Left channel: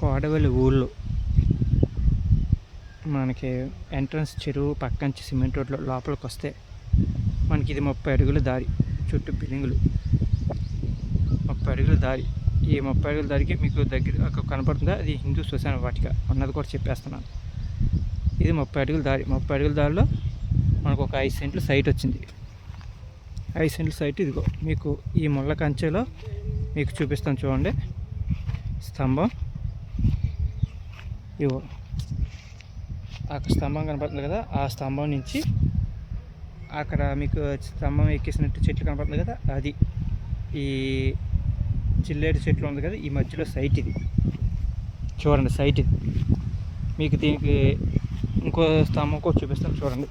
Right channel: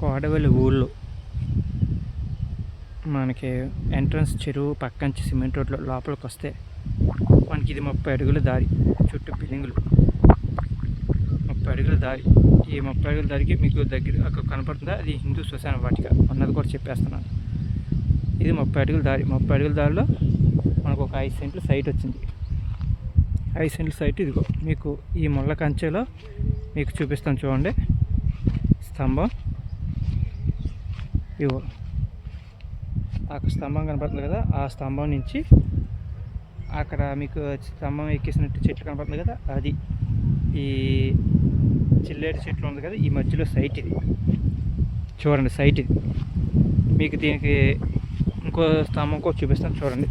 కోడవల్లి ఊళ్ళో మనకి ఎంట్రన్స్ చెరువు పక్కంచి సిమెంట్ రోడ్లో లోపలికి వస్తే మనకి ఇది 30 అడుగుల దారి, చుట్టూ బిల్డింగులు, 30 అడుగుల దారి. ఈ 30 అడుగుల దారికి మీకు దగ్గర అక్కడ కనపడుతుందా, అది హిందూ శ్మశాన వాటిక ఉన్నది కూడా చెప్పేస్తున్నాను. ఇది 30 అడుగుల దారి. 30 అడుగుల దారిలో మనకు ఒక 5 సెంట్లు సైట్ వచ్చింది. 5 సెంట్ల సైట్ ఇదిగో మీకు ఈ ముళ్ళ కంచెలో మీకు చూపిస్తాను చూడండి. స్తంభం ఇవో అక్కడ స్తంభం కనపడుతుంది కదా, ఆ స్తంభం నుంచి అక్కడ మీకు స్తంభం ఎక్కేసినట్టు చెట్లు కనపడుతుంది కదా, అది ఈ చిల్లేడు చెట్లు ఉంది కదా, ఈ మధ్యలో సైట్ ఇది చూడండి. సైట్ ఇది మీకు దీనికి ఇంకో స్తంభం కూడా చూపిస్తాను చూడండి.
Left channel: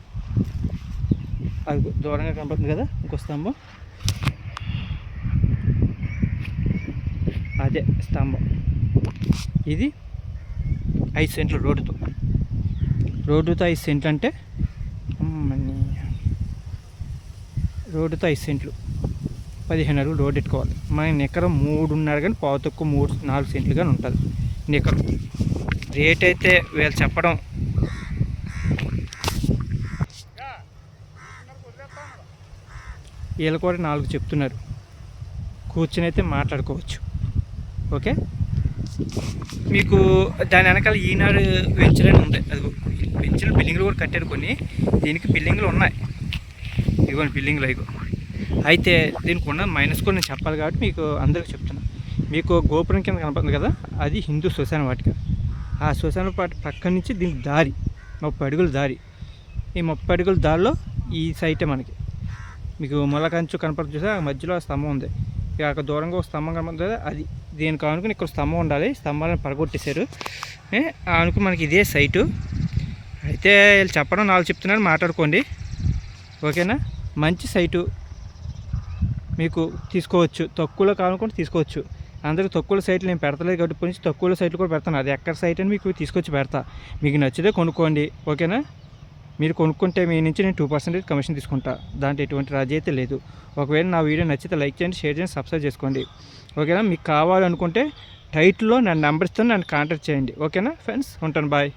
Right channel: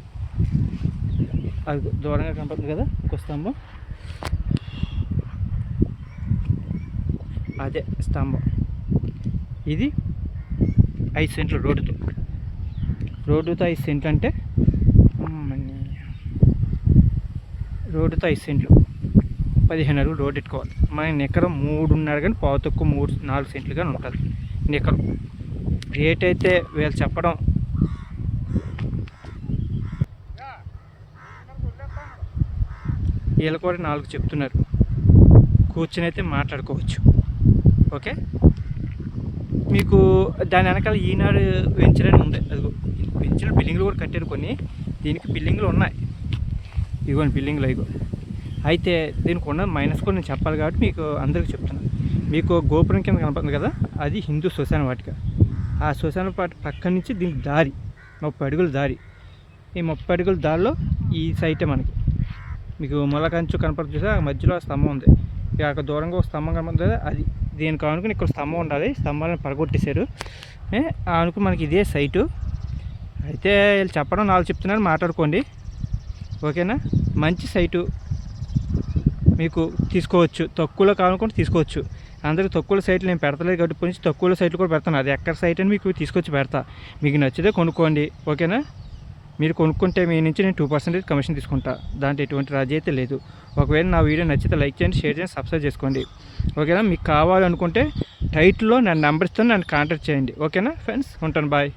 అది దూరంగా కనపడుతుంది కదా ఇంకో స్తంభం, అదే స్తంభం. ఇది 5 సెంట్లు రోడ్డుతో 5 సెంట్లు అంటే రోడ్డుతో 5 సెంట్లు 15 అడుగులు రోడ్డు ఎట్టుకోవాలి. మన నికరం 3.5 కానీ పావు తక్కువ 3-4 సెంట్లు కానీ ఉంటుంది నికరం. రేట్ అయితే వీళ్ళు చెప్పడం వీళ్ళు కూడా 4 చెప్తున్నారు. కూర్చొని అయితే మాట్లాడుకోవచ్చు. ఓకే, మీకు దాని వెనకాల ఈనాడు వెంచర్ అని ఉంది. అది వెంచర్ బిల్డింగ్లు కూడా కట్టారు కొన్ని. దీనికి బిల్డింగ్లు ఉన్నాయి, ఇదిగోండి బిల్డింగ్లు ఇగో. అయితే దీనికి ఉన్న మైనస్ కూడా నేను చెప్పాలి కాబట్టి మీకు అందరికీ చెప్తున్నాను. మీకు గోపురం కింద కనపడుతుంది కదా, అది హిందూ శ్మశాన వాటిక. ఆ శ్మశాన వాటిక పక్క నుంచి దీనికి దారి 30 అడుగుల దారి. ఈ 30 అడుగుల దారిలో ఈ సైటే మనకి మీకు మొలకంచు కనపడుతుంది చూసా, మధ్యలో స్తంభం ఉంది. ఇక అక్కడ దూరంగా ఒక స్తంభం కనపడుతుంది కదా, అది దీనికి అనుకుని ఇక్కడ స్తంభం ఉండాలి. స్తంభాలను పడగొట్టేశారు. అనుకు మనకి ఇదే సైటు. అయితే వీళ్ళు చెప్పడం 4 చెప్తున్నారు, మాట్లాడుకోండి. ఓకేనా, మంచి సైటు మీకు తీసుకోవచ్చు. తక్కువలో కావాలనుకుంటే తీసుకోవచ్చు. అందరికీ తక్కువ సైట్లు నేను పెడతలేదు కాబట్టి కొంచెం తక్కువ సైట్లు కూడా పెడతాను. అది ఎక్కడ సైట్ అని మీకు తీసుకొచ్చి పెడతా. మీకు నచ్చితే కొనుక్కోండి. ఓకేనా, మీరు కొనుక్కుంటే మీ నుంచి నేను 2% కమిషన్ తీసుకుంటా. దాంట్లో ఎటువంటి రాజీ అయితే లేదు. ఒకవేళ నా వీడియో నచ్చితే లైక్ చేయండి, షేర్ చేయండి, సబ్స్క్రైబ్ చేసుకోండి. ఓకేనా, మీకు కావాలనుకుంటే టైటిల్లో నా నెంబర్ ఇస్తాను, నన్ను కాంటాక్ట్ చేయండి. ఓకేనా ఫ్రెండ్స్, ఉంటాను, బాయ్.